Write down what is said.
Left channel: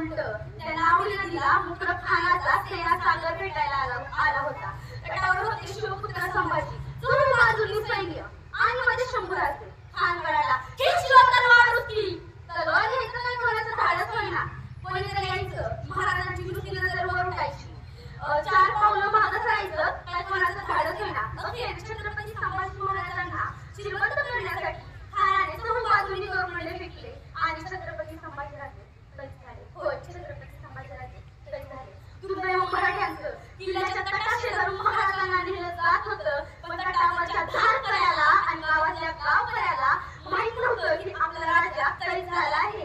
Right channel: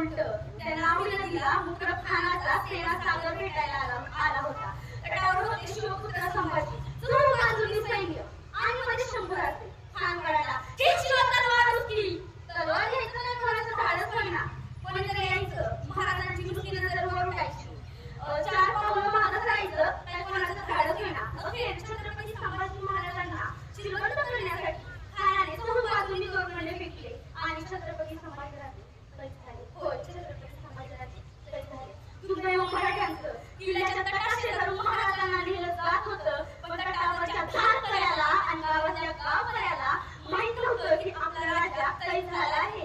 उलट त्यांना आवडीला दिला मुकुट खानाचा सेना सागर भेटायला आला होता. तटावर होते शिवपुत्र संभाजी, चोर बाजूनी सैन्य आणि मध्ये शंभराचे. खान कळाला शिवा तलवार उचली. तलवार घ्यायचं नाही कोणाचं धाडस होईना. कोणीतरी यायचं, महाराजांची नुसती नजर वर उठायची. 4 पावलं मागं राहायचं, काय कोणाचं धाडस होईना. अखेर छत्रपती संभाजी महाराजांना श्रीमंत करण्यासाठी खानाने चोर बाजूनी तोरणं फेकले आणि छत्रपती संभाजीराजे कैद झाले. होय, छत्रपती संभाजीराजे कैद झाले. दुर्दैव मराठ्यांचं किल्ल्याच्या तटाशेजारून महाराजांना नेलं जात होतं, पण तटावरच्या धार कळ्याला आणि गावातल्या गाव कळ्याला माहित नव्हतं की आपला राजा कैद झाला आहे.